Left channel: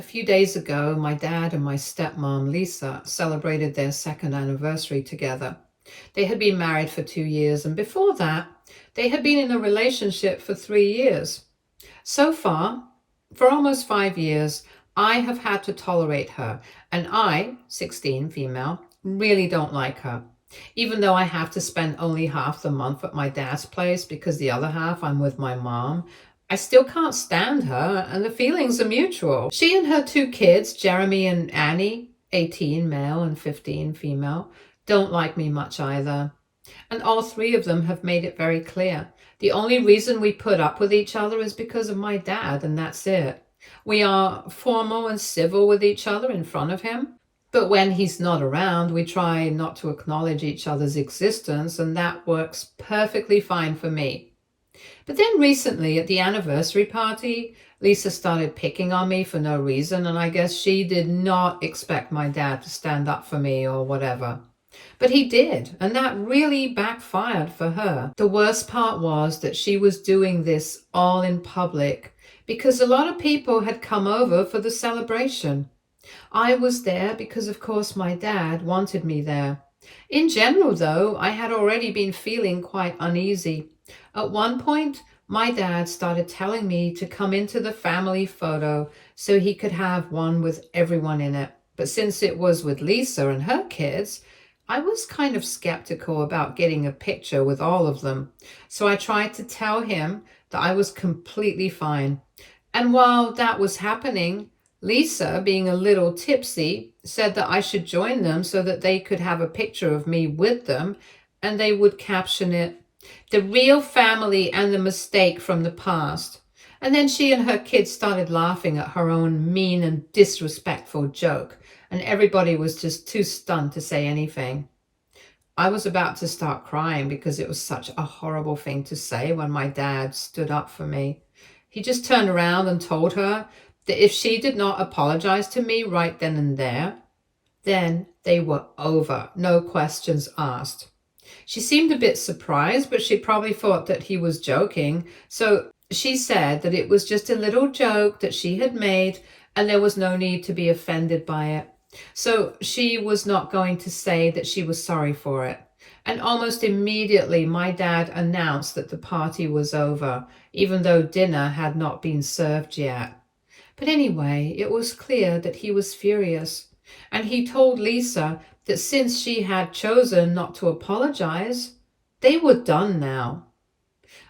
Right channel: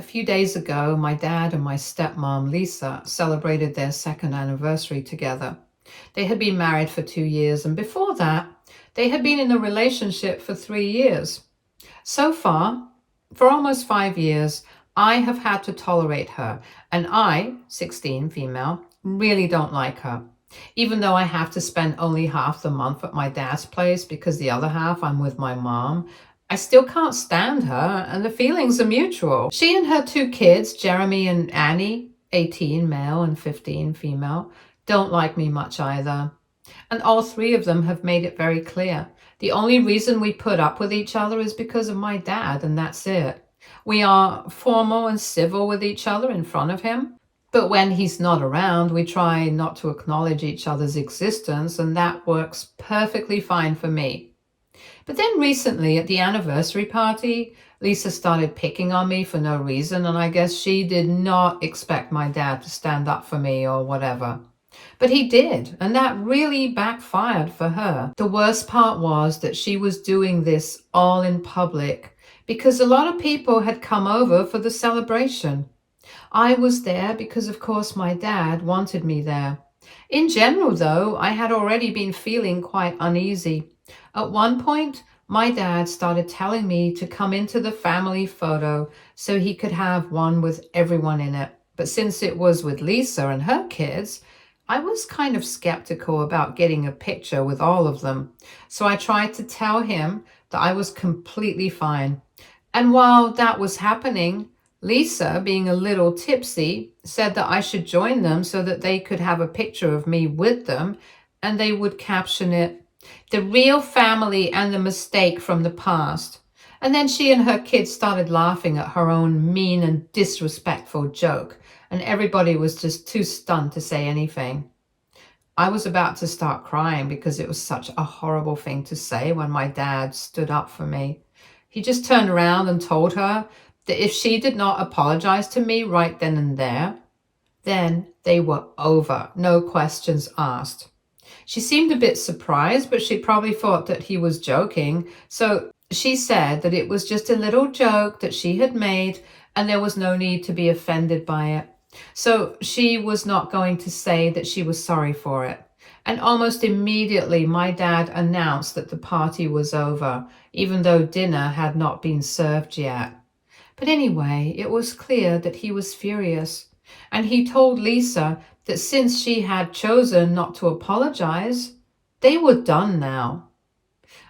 A few days ago, my dad and my stepmom, Lisa, celebrated their second anniversary together. They had been married for 2 years, and before that, they had been in a relationship for 3 years. So far, for almost 5 years, I have had to tolerate her, and I, 16, female, really don't like her. Even though I have to spend only half the month at my dad's place because the other half I'm with my mom, I still can't stand her, and the feelings are mutual. She and her two kids, Jeremy and Annie, 18 male and 15 female, don't like me much either. And all three of them have made it very clear. The only reason we put up with each other is because of my dad, and that's it. We are formal and civil with each other in front of him, but when he's not around, we try not to acknowledge each other's existence, and that works perfectly fine for me. But then recently at the anniversary party, Lisa started picking on me for no reason, and I guess she did not expect my dad to stand up for me or whatever. But he did, and that really backfired for her. The worst part was that she was doing this all in public because a lot of people had come over for the celebration. I was there because, of course, my dad wanted me there. In general, though, I had already been feeling quite uneasy. At one point, my dad started telling me to come into the family photo so he could have one with everyone in it. But since it was with Lisa and her kids, I was kind of skeptical about getting a picture with all of them. So I tried to tell him that I was completely fine. And while that was happening, Lisa, being a little tipsy, said that I should join them so that they could have a picture of me with them, and they would caption it, "The real family and the mistake from the past." And then she and her kids started laughing at her own mean and disrespectful joke, and everybody was just too stunned to say anything. I was about to start crying because it was such a horrible thing to say when my dad stood up for me. He just turned around and told her that if she did not apologize to me right then and there, then they were over, no questions asked. She seemed a bit surprised, but she probably thought that he was joking. So she said that it was just a little joke that she had made and there was no need to be offended by it. So she was not going to say that she was sorry for it. And almost immediately, my dad announced that the party was over, even though dinner had not been served yet. But anyway, it was clear that he was furious, and he told Lisa that since she had chosen not to apologize, they were done now.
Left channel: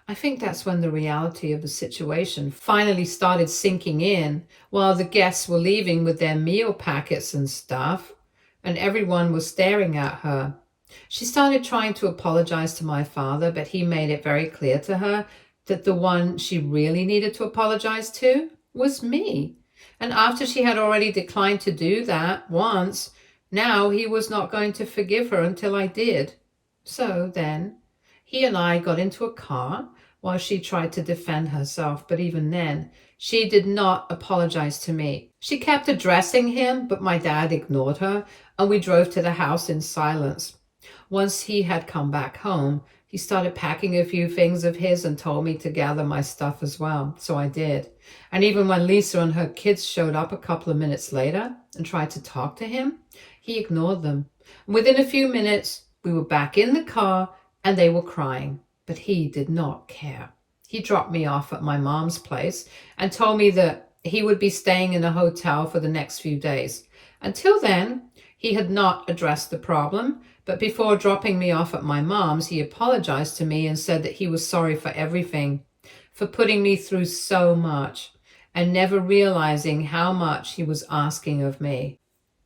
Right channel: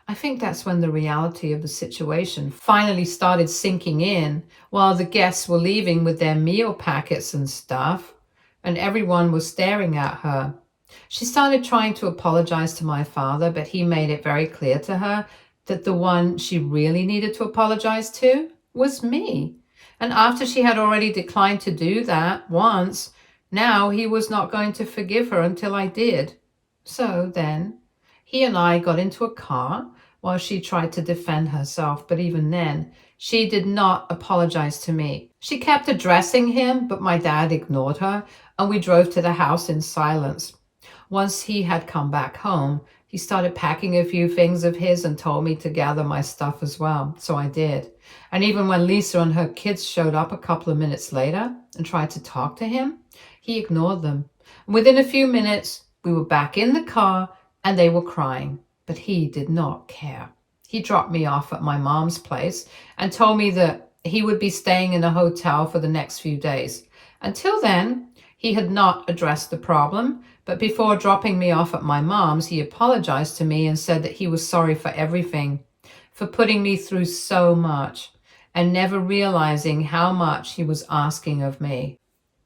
I think that's when the reality of the situation finally started sinking in while the guests were leaving with their meal packets and stuff, and everyone was staring at her. She started trying to apologize to my father, but he made it very clear to her that the one she really needed to apologize to was me. And after she had already declined to do that once, now he was not going to forgive her until I did. So then he and I got into a car while she tried to defend herself, but even then, she did not apologize to me. She kept addressing him, but my dad ignored her, and we drove to the house in silence. Once he had come back home, he started packing a few things of his and told me to gather my stuff as well, so I did. And even when Lisa and her kids showed up a couple of minutes later and tried to talk to him, he ignored them. And within a few minutes, we were back in the car and they were crying, but he did not care. He dropped me off at my mom's place and told me that he would be staying in a hotel for the next few days. Until then, he had not addressed the problem, but before dropping me off at my mom's, he apologized to me and said that he was sorry for everything, for putting me through so much and never realizing how much he was asking of me.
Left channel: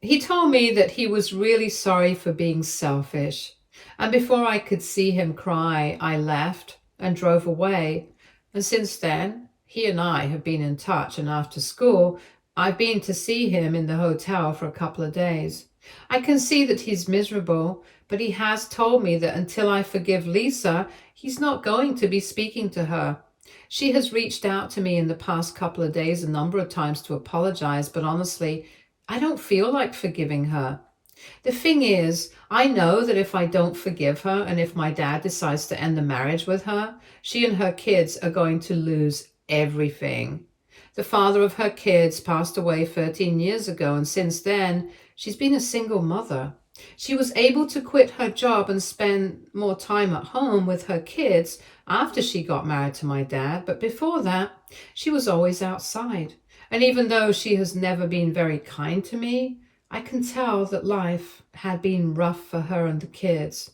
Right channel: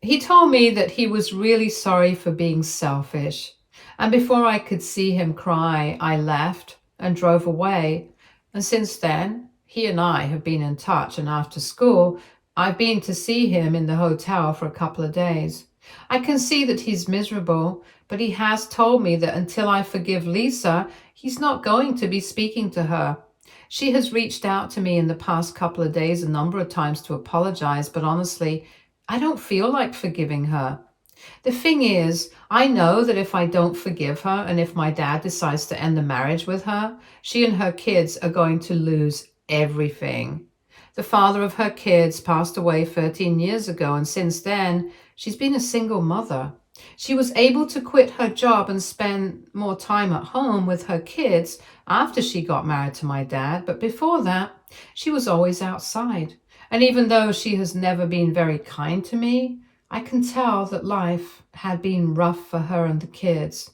He told me that he was really sorry for being selfish. And before I could see him cry, I left and drove away. And since then, he and I have been in touch. And after school, I've been to see him in the hotel for a couple of days. I can see that he's miserable, but he has told me that until I forgive Lisa, he's not going to be speaking to her. She has reached out to me in the past couple of days a number of times to apologize, but honestly, I don't feel like forgiving her. The thing is, I know that if I don't forgive her and if my dad decides to end the marriage with her, she and her kids are going to lose everything. The father of her kids passed away 13 years ago, and since then, she's been a single mother. She was able to quit her job and spend more time at home with her kids after she got married to my dad, but before that, she was always outside. And even though she has never been very kind to me, I can tell that life had been rough for her and the kids.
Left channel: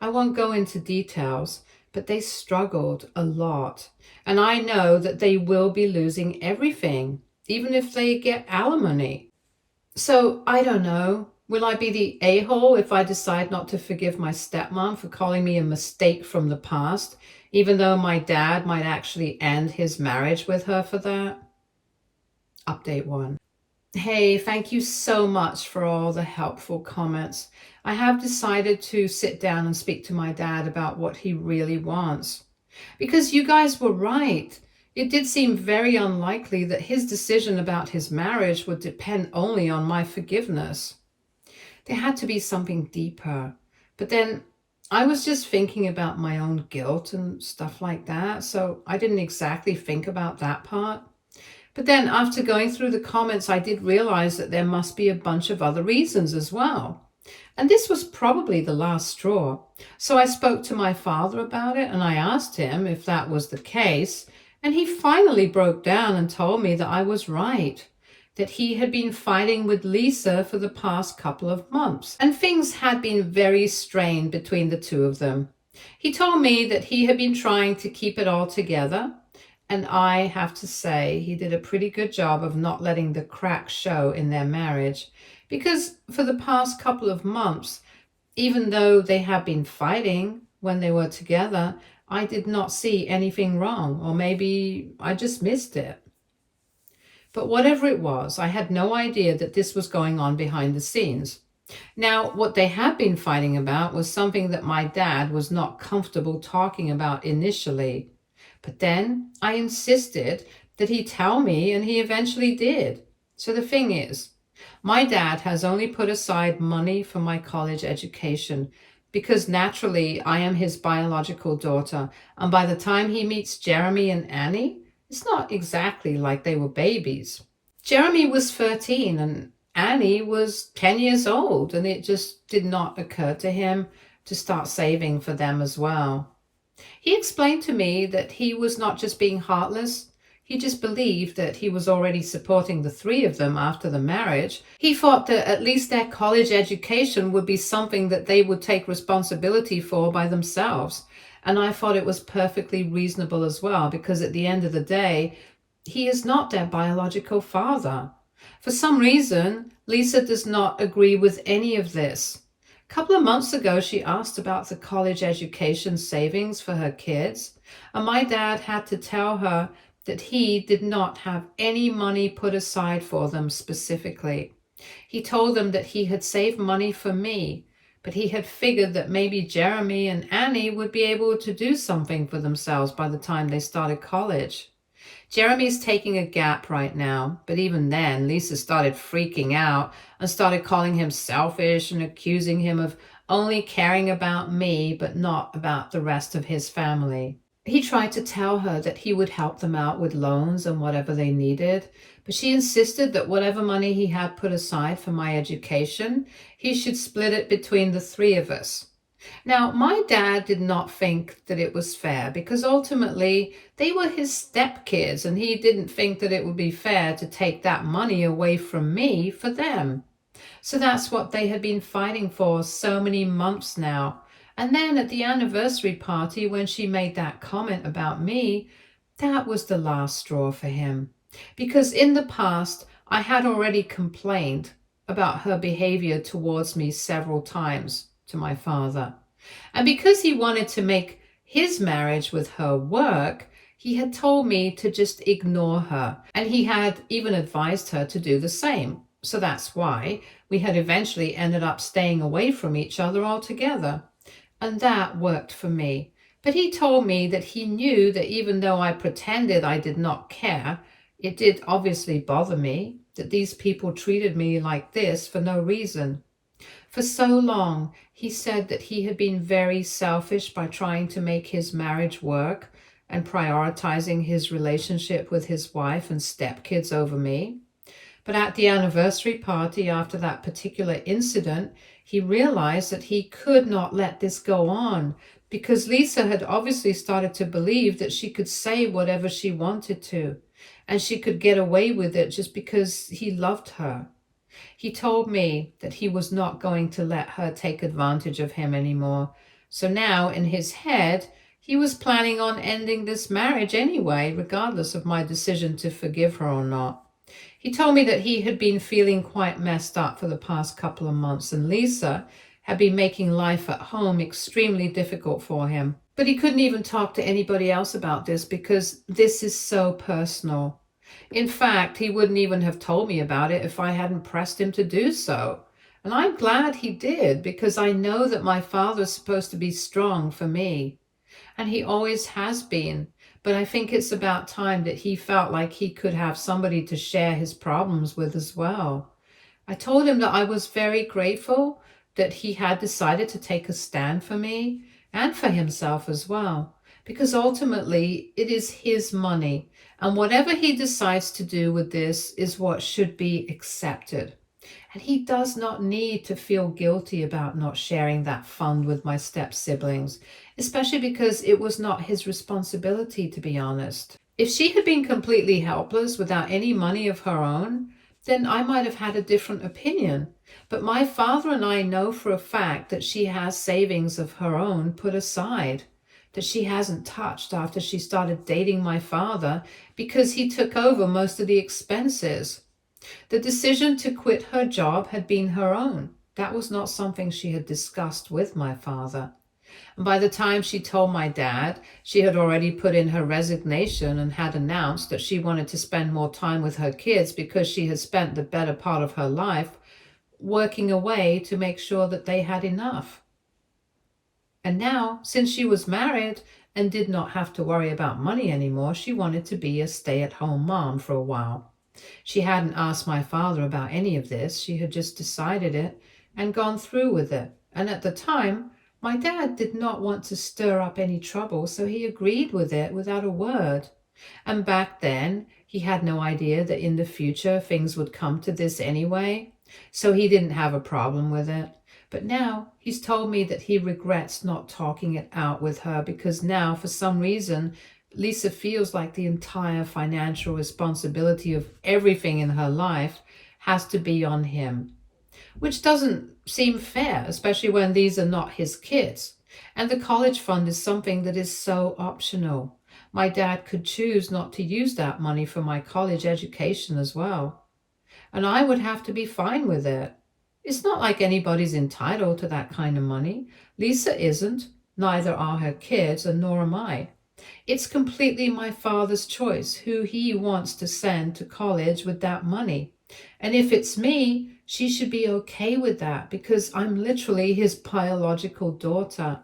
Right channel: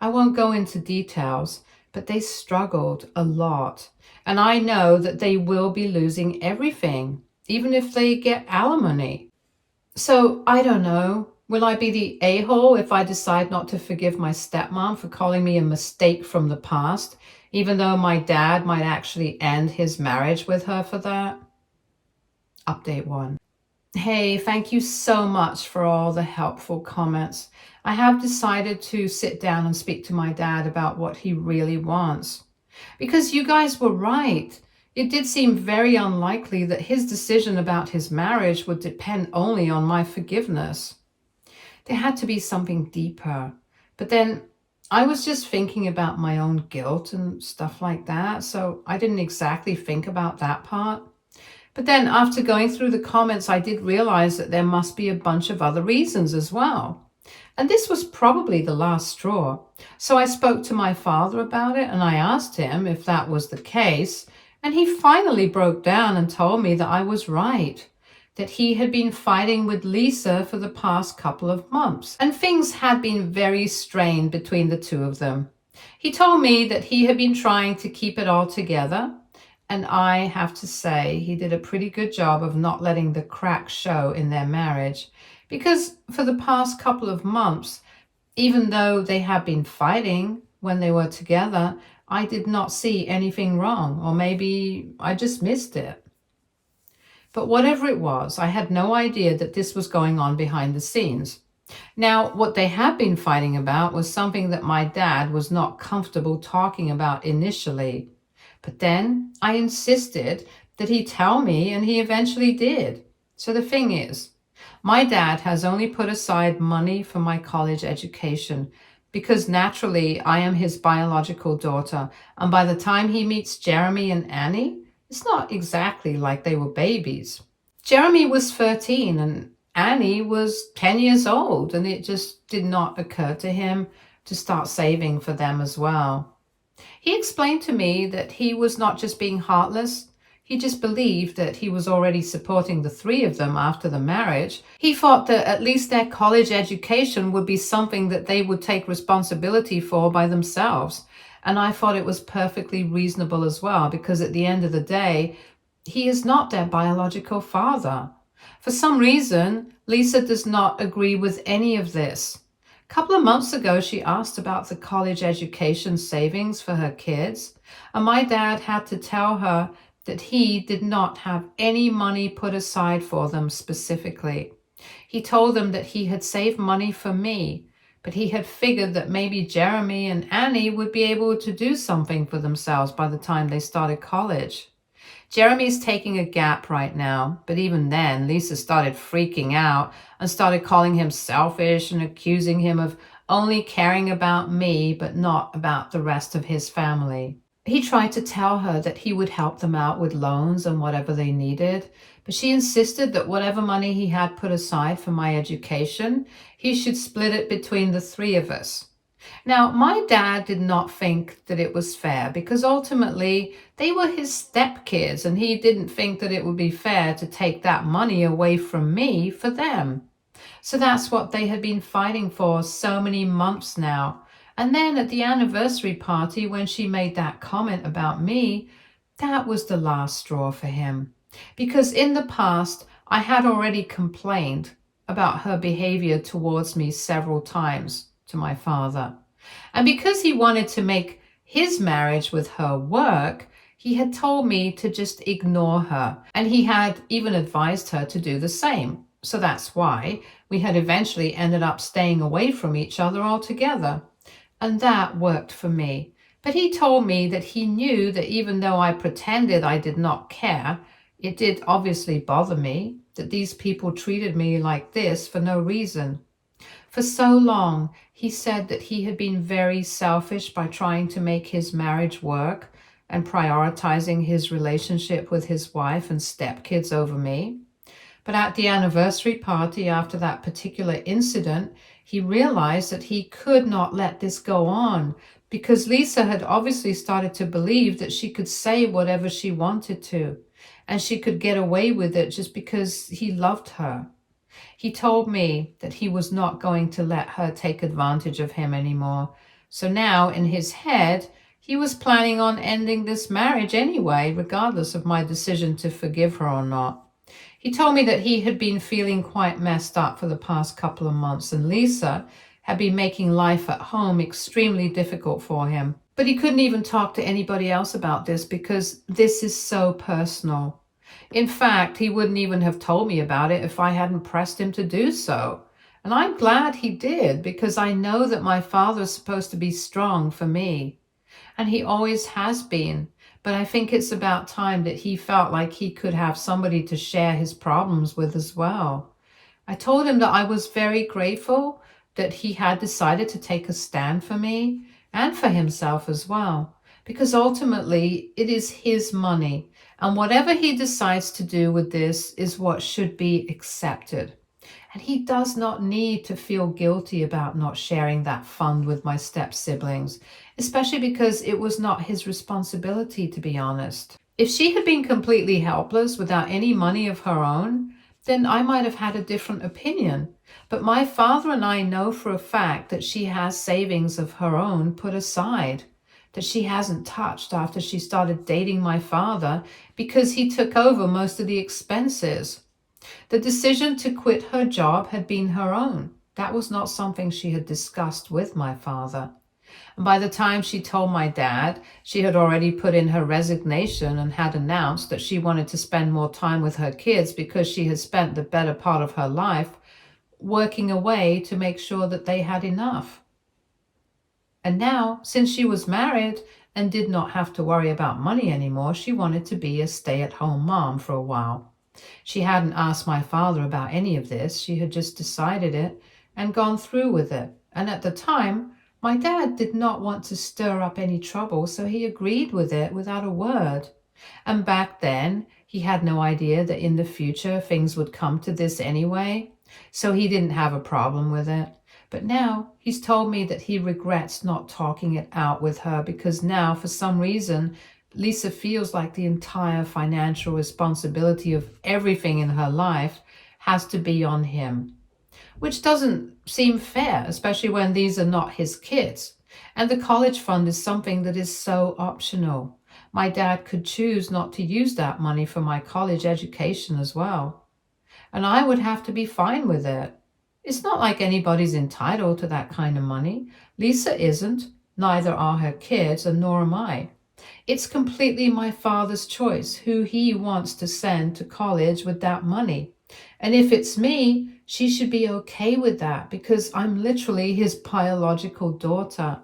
I won't go into details, but they struggled a lot. And I know that they will be losing everything, even if they get alimony. So I don't know. Will I be the a-hole if I decide not to forgive my stepmom for calling me a mistake from the past, even though my dad might actually end his marriage with her for that? Update 1. Hey, thank you so much for all the helpful comments. I have decided to sit down and speak to my dad about what he really wants. Because you guys were right. It did seem very unlikely that his decision about his marriage would depend only on my forgiveness. There had to be something deeper. But then I was just thinking about my own guilt and stuff like that, so I didn't exactly think about that part. But then after going through the comments, I did realize that there must be a bunch of other reasons as well. And this was probably the last straw. So I spoke to my father about it and I asked him if that was the case. And he finally broke down and told me that I was right, that he had been fighting with Lisa for the past couple of months. And things had been very strained between the two of them. He told me that he had been trying to keep it all together. And I have to say, he did a pretty good job of not letting the cracks show in their marriage. Because for the past couple of months, even though they had been fighting when they were together, I did not see anything wrong, or maybe I just missed it. But whatever it was, I had no idea that this was going on behind the scenes. Now, what they had been fighting about was something that my dad was not comfortable talking about initially. But then I insisted that he tell me, and he eventually did. So the thing is, my dad has only put aside money for my college education because naturally I am his biological daughter, and by the time he meets Jeremy and Annie, it's not exactly like they were babies. Jeremy was 13 and Annie was 10 years old, and it just did not occur to him to start saving for them as well. He explained to me that he was not just being heartless, he just believed that he was already supporting the three of them after the marriage. He thought that at least their college education would be something that they would take responsibility for by themselves. And I thought it was perfectly reasonable as well, because at the end of the day, he is not their biological father. For some reason, Lisa does not agree with any of this. A couple of months ago, she asked about the college education savings for her kids, and my dad had to tell her that he did not have any money put aside for them specifically. He told them that he had saved money for me, but he had figured that maybe Jeremy and Annie would be able to do something for themselves by the time they started college. Jeremy's taking a gap right now, but even then, Lisa started freaking out and started calling him selfish and accusing him of only caring about me, but not about the rest of his family. He tried to tell her that he would help them out with loans and whatever they needed, but she insisted that whatever money he had put aside for my education, he should split it between the three of us. Now, my dad did not think that it was fair because ultimately they were his stepkids, and he didn't think that it would be fair to take that money away from me for them. So that's what they had been fighting for so many months now. And then at the anniversary party, when she made that comment about me, that was the last straw for him. Because in the past, I had already complained about her behavior towards me several times to my father. And because he wanted to make his marriage with her work, he had told me to just ignore her. And he had even advised her to do the same. So that's why we had eventually ended up staying away from each other altogether. And that worked for me. But he told me that he knew that even though I pretended I did not care, it did obviously bother me that these people treated me like this for no reason. For so long, he said that he had been very selfish by trying to make his marriage work, and prioritizing his relationship with his wife and stepkids over me. But at the anniversary party after that particular incident, he realized that he could not let this go on because Lisa had obviously started to believe that she could say whatever she wanted to, and she could get away with it just because he loved her. He told me that he was not going to let her take advantage of him anymore. So now, in his head, he was planning on ending this marriage anyway, regardless of my decision to forgive her or not. He told me that he had been feeling quite messed up for the past couple of months, and Lisa had been making life at home extremely difficult for him. But he couldn't even talk to anybody else about this because this is so personal. In fact, he wouldn't even have told me about it if I hadn't pressed him to do so. And I'm glad he did, because I know that my father is supposed to be strong for me. And he always has been. But I think it's about time that he felt like he could have somebody to share his problems with as well. I told him that I was very grateful that he had decided to take a stand for me and for himself as well, because ultimately it is his money, and whatever he decides to do with this is what should be accepted. And he does not need to feel guilty about not sharing that fund with my step-siblings, especially because it was not his responsibility, to be honest. If she had been completely helpless without any money of her own, then I might have had a different opinion. But my father and I know for a fact that she has savings of her own put aside, that she hasn't touched after she started dating my father because he took over most of the expenses. The decision to quit her job had been her own. That was not something she had discussed with my father. And by the time she told my dad, she had already put in her resignation and had announced that she wanted to spend more time with her kids because she had spent the better part of her life working away to make sure that they had enough. And now, since she was married and did not have to worry about money anymore, she wanted to be a stay-at-home mom for a while. She hadn't asked my father about any of this. She had just decided it and gone through with it. And at the time, my dad did not want to stir up any trouble, so he agreed with it without a word. And back then, he had no idea that in the future things would come to this anyway, so he didn't have a problem with it. But now he's told me that he regrets not talking it out with her because now, for some reason, Lisa feels like the entire financial responsibility of everything in her life has to be on him, which doesn't seem fair, especially when these are not his kids. And the college fund is something that is so optional. My dad could choose not to use that money for my college education as well. And I would have to be fine with it. It's not like anybody's entitled to that kind of money. Lisa isn't, neither are her kids, and nor am I. It's completely my father's choice who he wants to send to college with that money. And if it's me, she should be okay with that because I'm literally his biological daughter.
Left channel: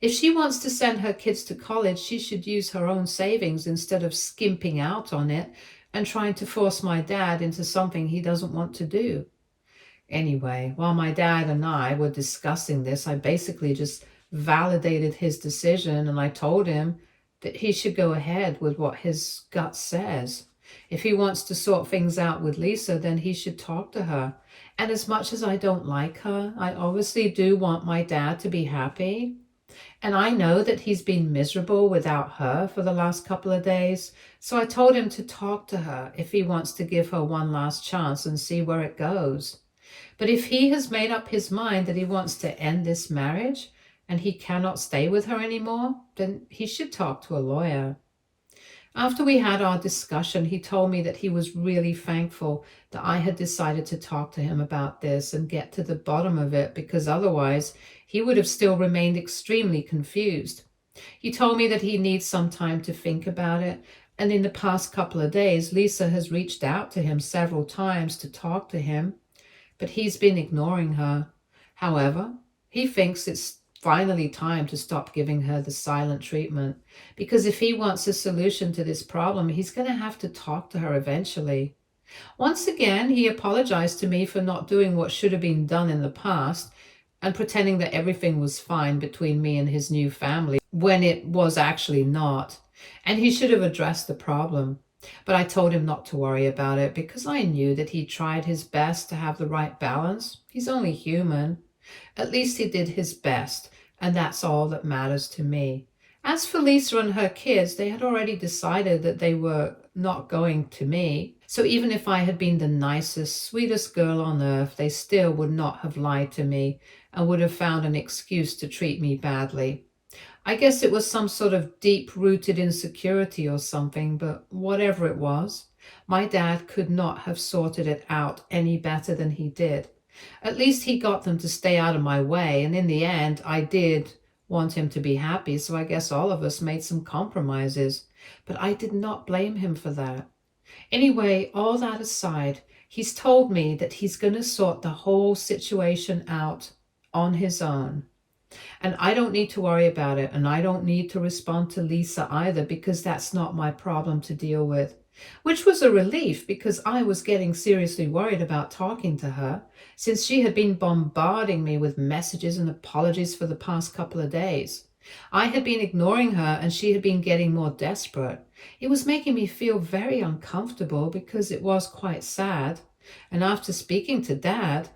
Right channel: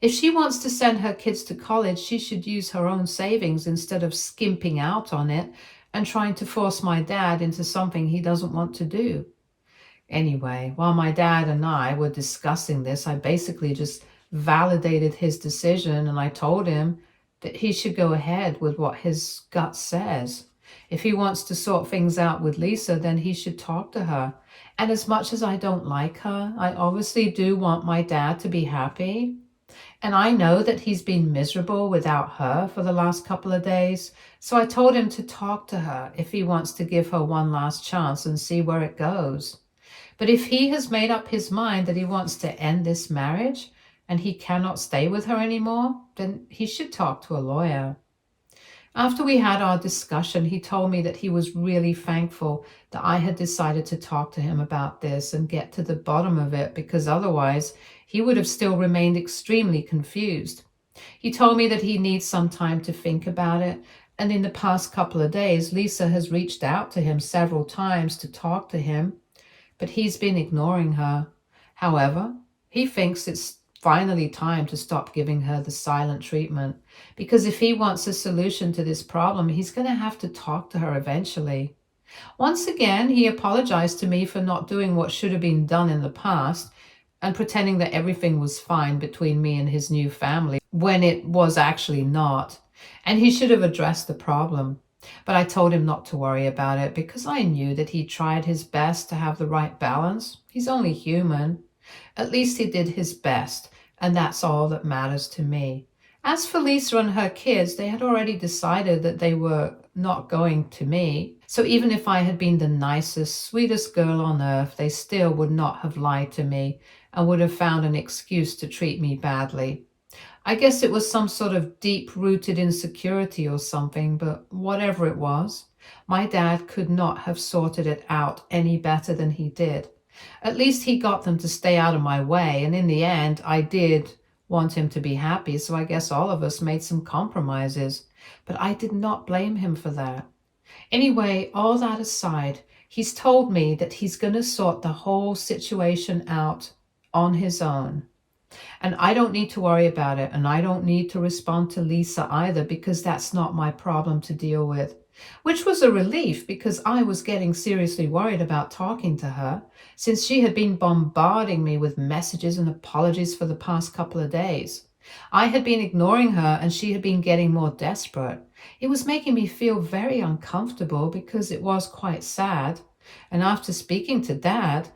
If she wants to send her kids to college, she should use her own savings instead of skimping out on it and trying to force my dad into something he doesn't want to do. Anyway, while my dad and I were discussing this, I basically just validated his decision, and I told him that he should go ahead with what his gut says. If he wants to sort things out with Lisa, then he should talk to her. And as much as I don't like her, I obviously do want my dad to be happy. And I know that he's been miserable without her for the last couple of days. So I told him to talk to her if he wants to give her one last chance and see where it goes. But if he has made up his mind that he wants to end this marriage and he cannot stay with her anymore, then he should talk to a lawyer. After we had our discussion, he told me that he was really thankful that I had decided to talk to him about this and get to the bottom of it, because otherwise he would have still remained extremely confused. He told me that he needs some time to think about it, and in the past couple of days, Lisa has reached out to him several times to talk to him, but he's been ignoring her. However, he thinks it's finally time to stop giving her the silent treatment, because if he wants a solution to this problem, he's going to have to talk to her eventually. Once again, he apologized to me for not doing what should have been done in the past and pretending that everything was fine between me and his new family when it was actually not. and he should have addressed the problem. But I told him not to worry about it because I knew that he tried his best to have the right balance. He's only human. At least he did his best, and that's all that matters to me. As for Lisa and her kids, they had already decided that they were not going to me. So even if I had been the nicest, sweetest girl on earth, they still would not have lied to me and would have found an excuse to treat me badly. I guess it was some sort of deep-rooted insecurity or something, but whatever it was, my dad could not have sorted it out any better than he did. At least he got them to stay out of my way, and in the end, I did want him to be happy, so I guess all of us made some compromises. But I did not blame him for that. Anyway, all that aside, he's told me that he's going to sort the whole situation out on his own. And I don't need to worry about it, and I don't need to respond to Lisa either because that's not my problem to deal with. Which was a relief because I was getting seriously worried about talking to her since she had been bombarding me with messages and apologies for the past couple of days. I had been ignoring her and she had been getting more desperate. It was making me feel very uncomfortable because it was quite sad. And after speaking to Dad,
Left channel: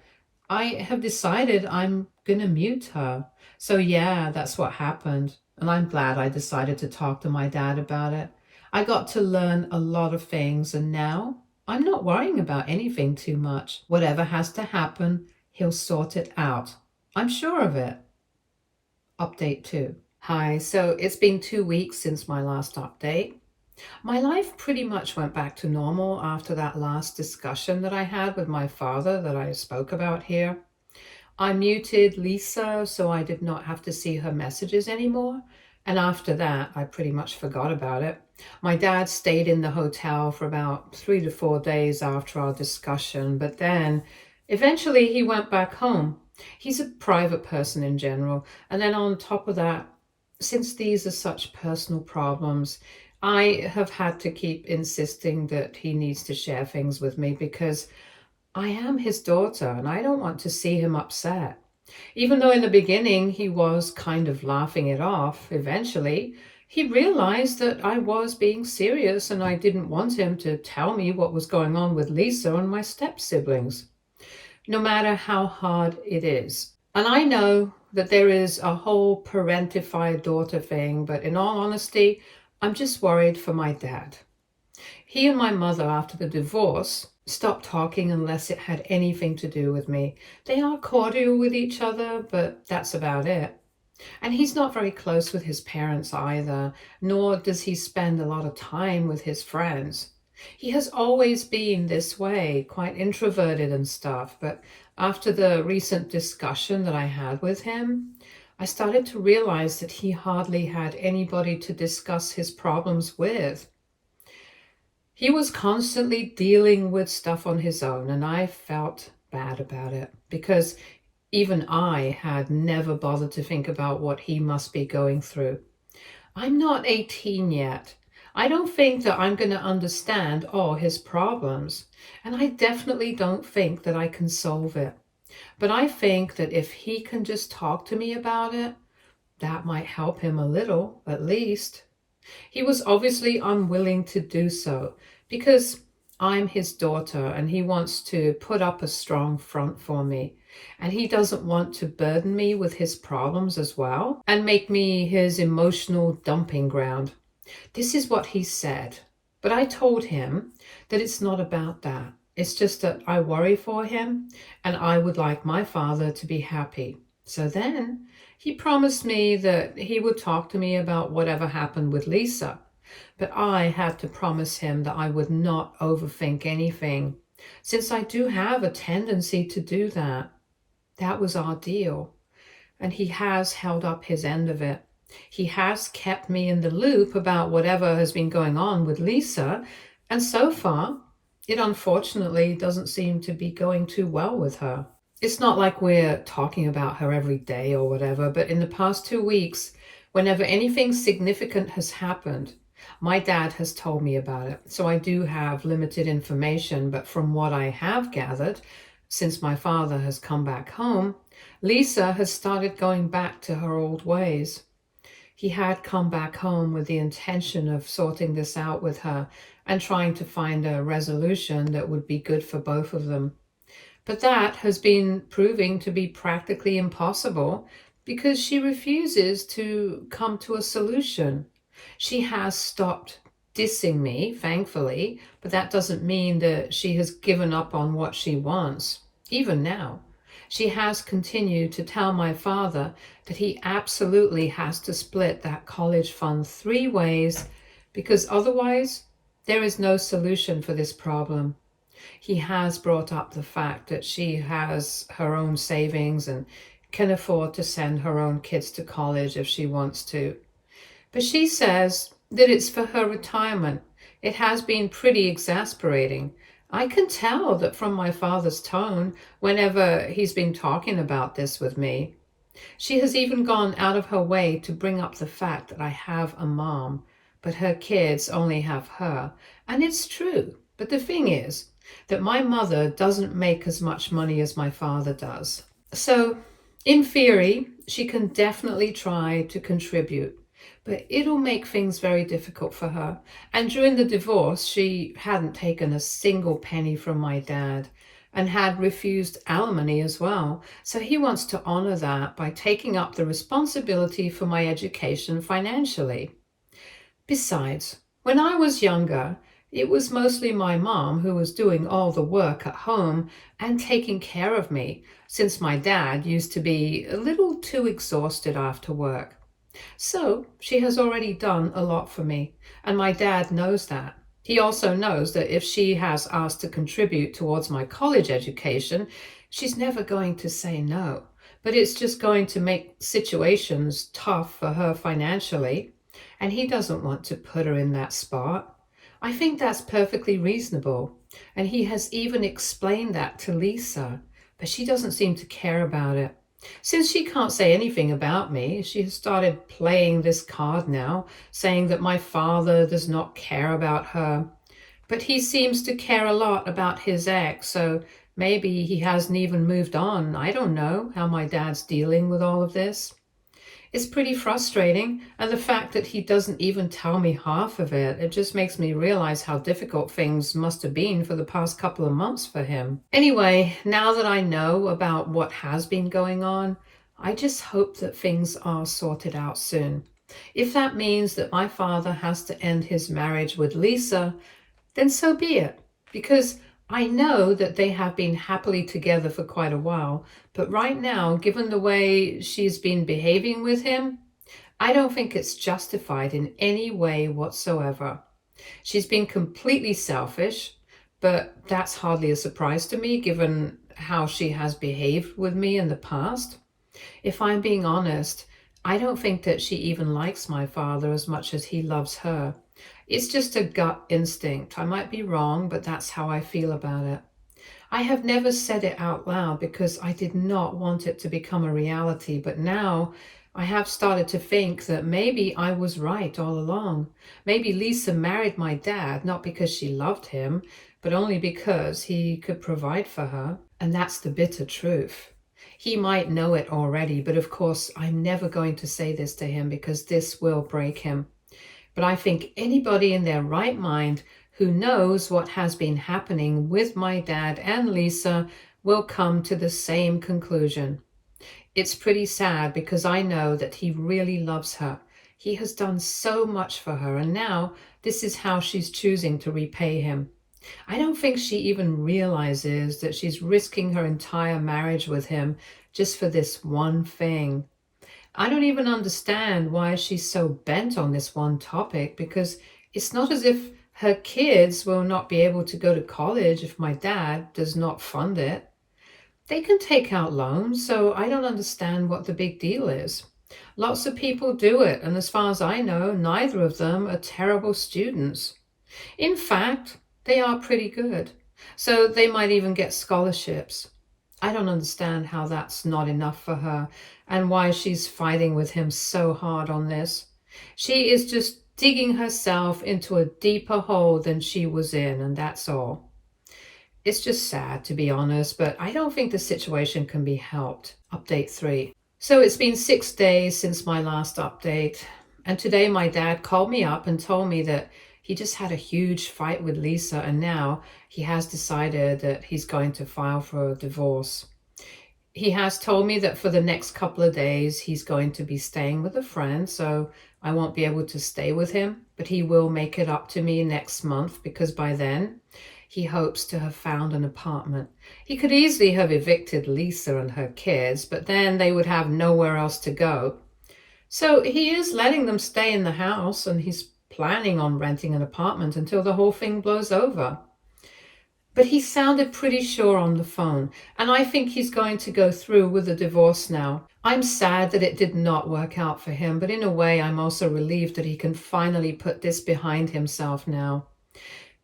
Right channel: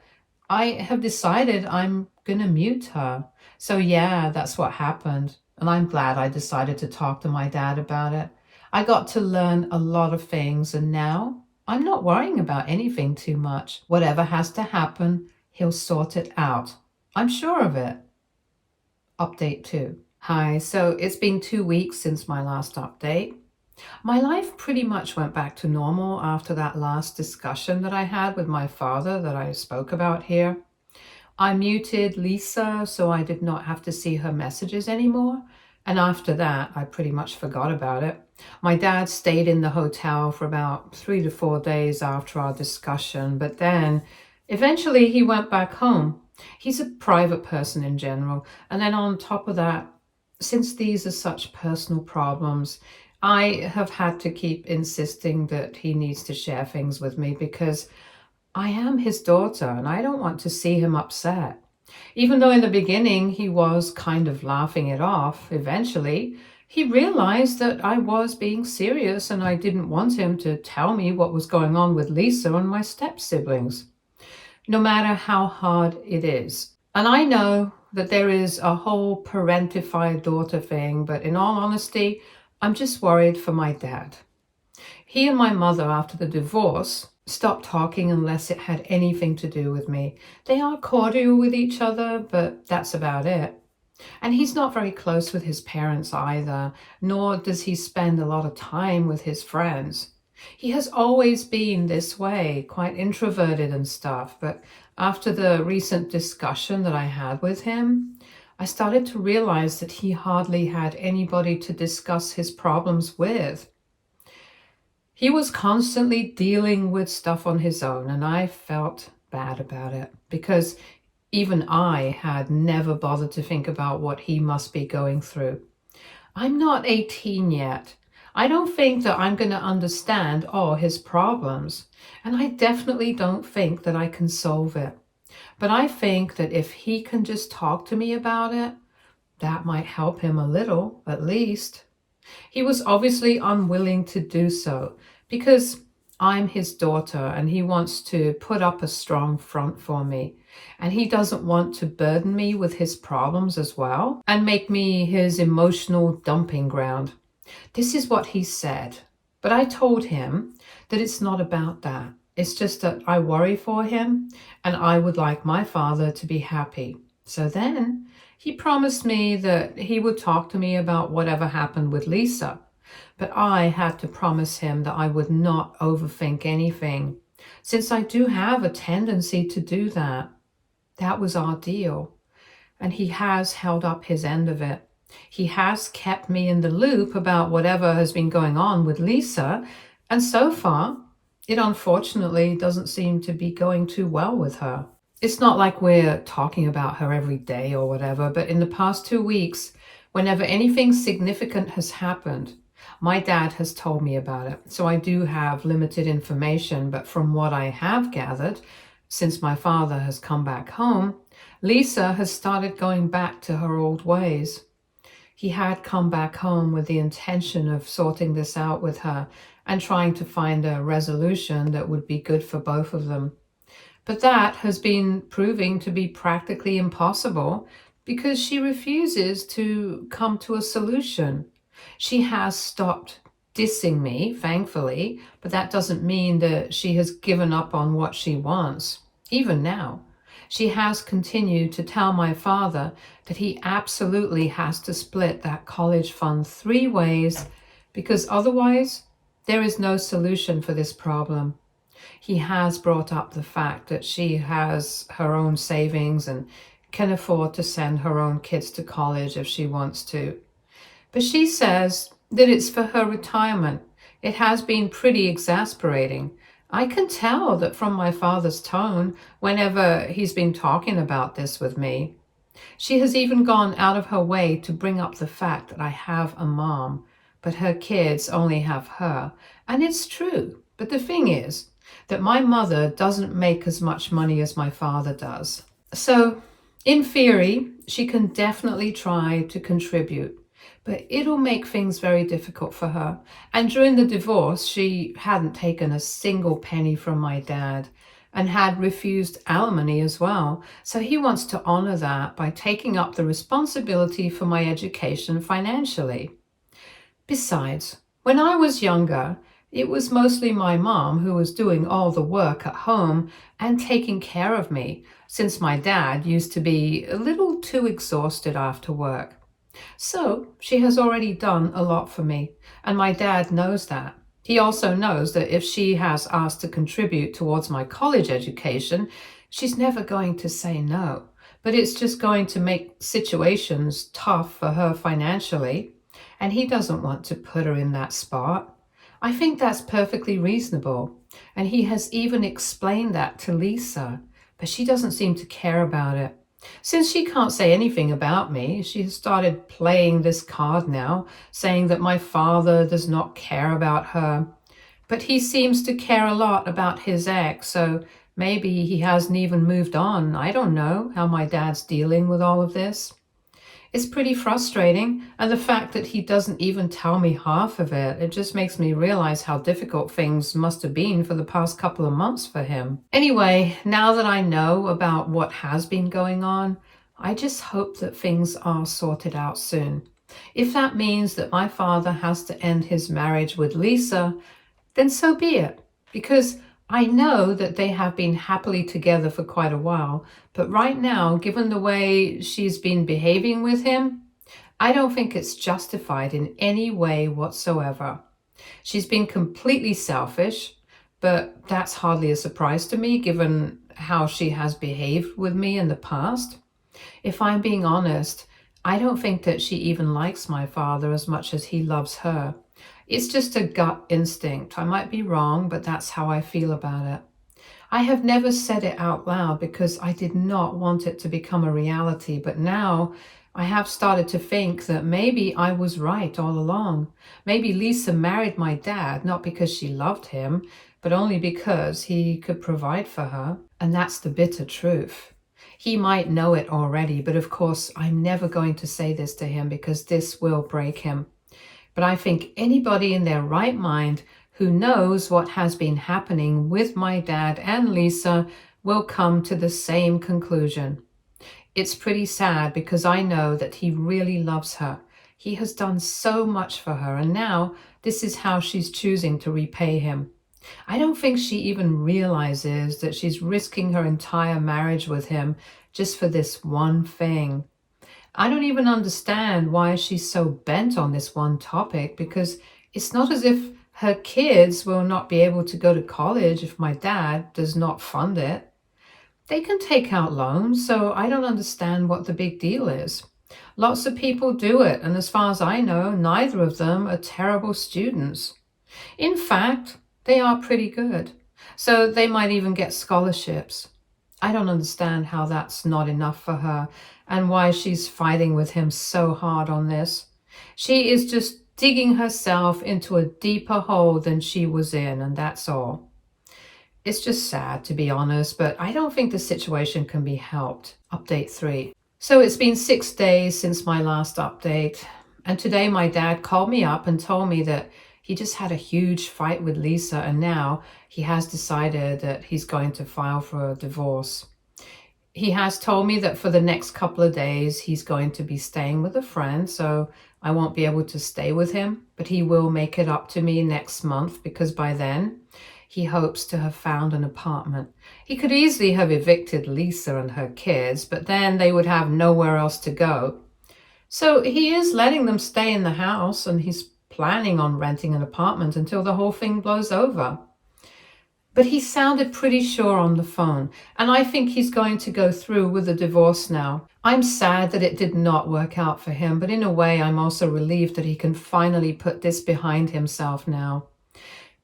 I have decided I'm going to mute her. So yeah, that's what happened. And I'm glad I decided to talk to my dad about it. I got to learn a lot of things, and now I'm not worrying about anything too much. Whatever has to happen, he'll sort it out. I'm sure of it. Update 2. Hi, so it's been 2 weeks since my last update. My life pretty much went back to normal after that last discussion that I had with my father that I spoke about here. I muted Lisa so I did not have to see her messages anymore. And after that, I pretty much forgot about it. My dad stayed in the hotel for about 3 to 4 days after our discussion, but then eventually he went back home. He's a private person in general. And then on top of that, since these are such personal problems, I have had to keep insisting that he needs to share things with me because I am his daughter and I don't want to see him upset. Even though in the beginning he was kind of laughing it off, eventually he realized that I was being serious and I didn't want him to tell me what was going on with Lisa and my step-siblings, no matter how hard it is. And I know that there is a whole parentified daughter thing, but in all honesty, I'm just worried for my dad. He and my mother, after the divorce, stopped talking unless it had anything to do with me. They are cordial with each other, but that's about it. And he's not very close with his parents either, nor does he spend a lot of time with his friends. He has always been this way, quite introverted and stuff, but after the recent discussion that I had with him, I started to realize that he hardly had anybody to discuss his problems with. He was constantly dealing with stuff on his own, and I felt bad about it because even I had never bothered to think about what he must be going through. I'm not 18 yet. I don't think that I'm going to understand all his problems, and I definitely don't think that I can solve it. But I think that if he can just talk to me about it, that might help him a little, at least. He was obviously unwilling to do so because I'm his daughter and he wants to put up a strong front for me. And he doesn't want to burden me with his problems as well and make me his emotional dumping ground. This is what he said. But I told him that it's not about that. It's just that I worry for him and I would like my father to be happy. So then he promised me that he would talk to me about whatever happened with Lisa. But I had to promise him that I would not overthink anything, since I do have a tendency to do that. That was our deal. And he has held up his end of it. He has kept me in the loop about whatever has been going on with Lisa. And so far, it unfortunately doesn't seem to be going too well with her. It's not like we're talking about her every day or whatever, but in the past 2 weeks, whenever anything significant has happened, my dad has told me about it. So I do have limited information, but from what I have gathered, since my father has come back home, Lisa has started going back to her old ways. He had come back home with the intention of sorting this out with her and trying to find a resolution that would be good for both of them. But that has been proving to be practically impossible because she refuses to come to a solution. She has stopped dissing me, thankfully, but that doesn't mean that she has given up on what she wants. Even now, she has continued to tell my father that he absolutely has to split that college fund 3 ways because otherwise there is no solution for this problem. He has brought up the fact that she has her own savings and can afford to send her own kids to college if she wants to. But she says that it's for her retirement. It has been pretty exasperating. I can tell that from my father's tone whenever he's been talking about this with me. She has even gone out of her way to bring up the fact that I have a mom, but her kids only have her. And it's true. But the thing is that my mother doesn't make as much money as my father does. So, in theory, she can definitely try to contribute, but it'll make things very difficult for her. And during the divorce, she hadn't taken a single penny from my dad and had refused alimony as well. So he wants to honor that by taking up the responsibility for my education financially. Besides, when I was younger, it was mostly my mom who was doing all the work at home and taking care of me, since my dad used to be a little too exhausted after work. So she has already done a lot for me, and my dad knows that. He also knows that if she has asked to contribute towards my college education, she's never going to say no. But it's just going to make situations tough for her financially, and he doesn't want to put her in that spot. I think that's perfectly reasonable, and he has even explained that to Lisa, but she doesn't seem to care about it. Since she can't say anything about me, she has started playing this card now, saying that my father does not care about her. But he seems to care a lot about his ex, so maybe he hasn't even moved on. I don't know how my dad's dealing with all of this. It's pretty frustrating, and the fact that he doesn't even tell me half of it, it just makes me realize how difficult things must have been for the past couple of months for him. Anyway, now that I know about what has been going on, I just hope that things are sorted out soon. If that means that my father has to end his marriage with Lisa, then so be it, because I know that they have been happily together for quite a while, but right now, given the way she's been behaving with him, I don't think it's justified in any way whatsoever. She's been completely selfish, but that's hardly a surprise to me given how she has behaved with me in the past. If I'm being honest, I don't think that she even likes my father as much as he loves her. It's just a gut instinct. I might be wrong, but that's how I feel about it. I have never said it out loud because I did not want it to become a reality, but now I have started to think that maybe I was right all along. Maybe Lisa married my dad not because she loved him, but only because he could provide for her. And that's the bitter truth. He might know it already, but of course I'm never going to say this to him because this will break him. But I think anybody in their right mind who knows what has been happening with my dad and Lisa will come to the same conclusion. It's pretty sad because I know that he really loves her. He has done so much for her, and now this is how she's choosing to repay him. I don't think she even realizes that she's risking her entire marriage with him just for this one thing. I don't even understand why she's so bent on this one topic, because it's not as if her kids will not be able to go to college if my dad does not fund it. They can take out loans, so I don't understand what the big deal is. Lots of people do it, and as far as I know, neither of them are terrible students. In fact, they are pretty good, so they might even get scholarships. I don't understand how that's not enough for her and why she's fighting with him so hard on this. She is just digging herself into a deeper hole than she was in, and that's all. It's just sad, to be honest, but I don't think the situation can be helped. Update 3. So it's been 6 days since my last update. And today my dad called me up and told me that he just had a huge fight with Lisa, and now he has decided that he's going to file for a divorce. He has told me that for the next couple of days he's going to be staying with a friend, so I won't be able to stay with him, but he will make it up to me next month because by then he hopes to have found an apartment. He could easily have evicted Lisa and her kids, but then they would have nowhere else to go. So he is letting them stay in the house, and he's planning on renting an apartment until the whole thing blows over. But he sounded pretty sure on the phone, and I think he's going to go through with the divorce now. I'm sad that it did not work out for him, but in a way I'm also relieved that he can finally put this behind himself now.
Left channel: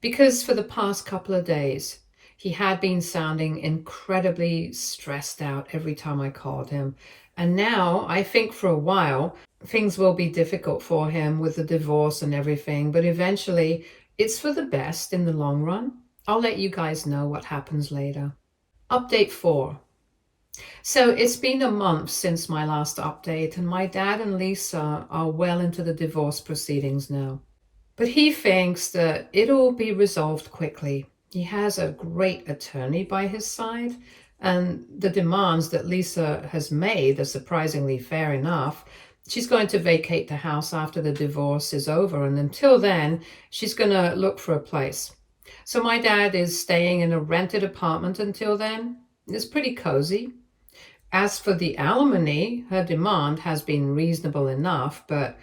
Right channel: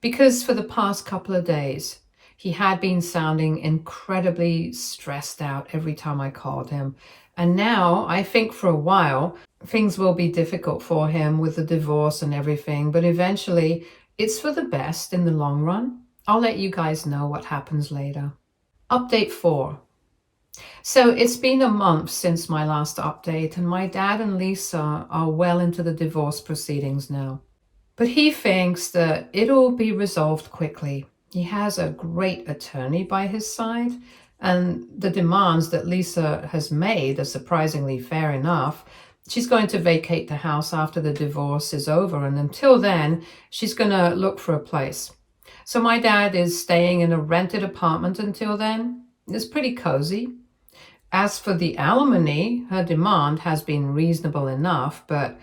Because for the past couple of days, he had been sounding incredibly stressed out every time I called him. And now, I think for a while, things will be difficult for him with the divorce and everything, but eventually it's for the best in the long run. I'll let you guys know what happens later. Update 4. So it's been a month since my last update, and my dad and Lisa are well into the divorce proceedings now. But he thinks that it'll be resolved quickly. He has a great attorney by his side, and the demands that Lisa has made are surprisingly fair enough. She's going to vacate the house after the divorce is over, and until then, she's going to look for a place. So my dad is staying in a rented apartment until then. It's pretty cozy. As for the alimony, her demand has been reasonable enough, but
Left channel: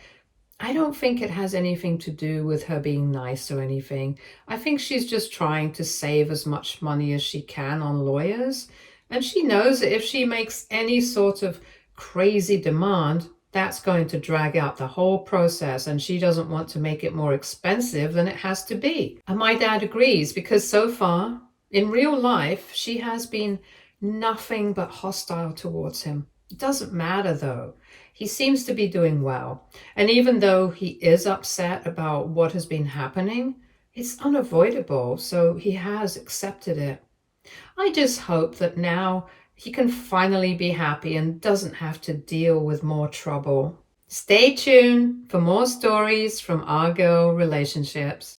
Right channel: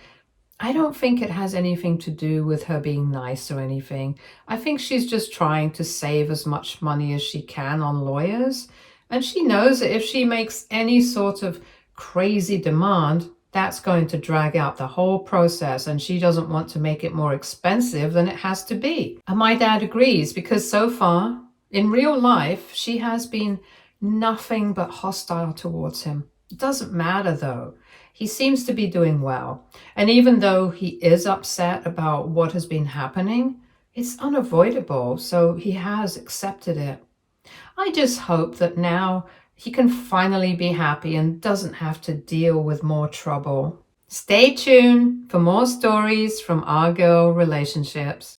I don't think it has anything to do with her being nice or anything. I think she's just trying to save as much money as she can on lawyers. And she knows that if she makes any sort of crazy demand, that's going to drag out the whole process, and she doesn't want to make it more expensive than it has to be. And my dad agrees, because so far, in real life, she has been nothing but hostile towards him. It doesn't matter though. He seems to be doing well. And even though he is upset about what has been happening, it's unavoidable, so he has accepted it. I just hope that now he can finally be happy and doesn't have to deal with more trouble. Stay tuned for more stories from our girl relationships.